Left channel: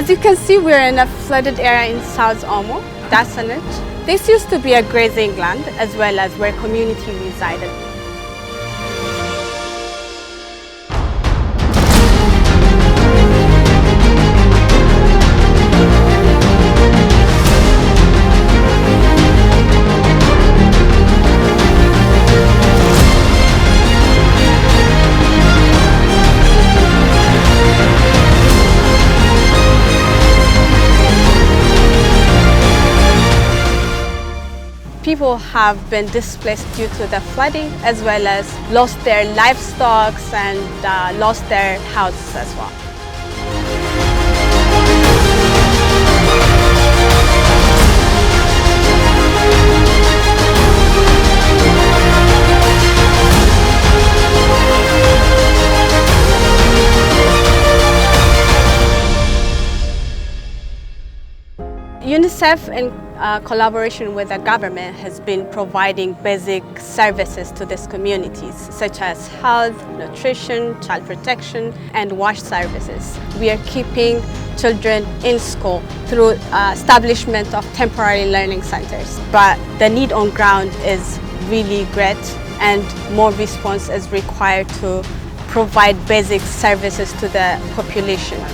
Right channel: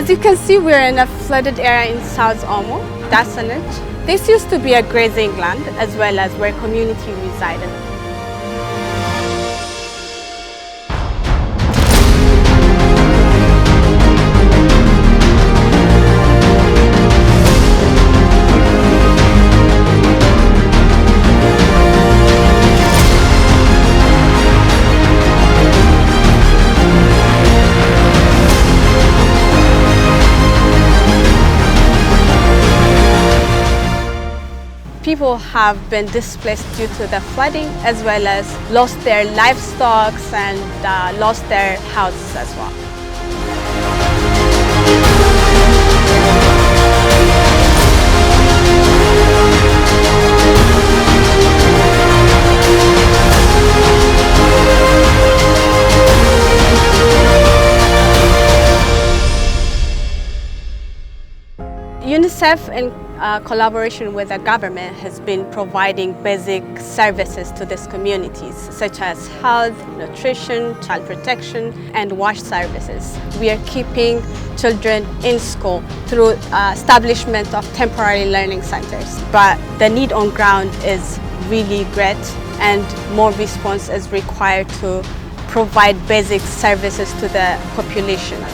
As you can see, we're in a flooded area in South Omo, desolate. This used to be a grazing land as well as where community resided. People have been displaced due to the flooding as well as lost their livestock and lost their houses as well. UNICEF, in collaboration with the government, has been providing basic services to these communities, such as health, nutrition, child protection, and wash services. We are keeping children in school through establishment of temporary learning centers. But the need on ground is really great, and more response is required to provide basic services to the population.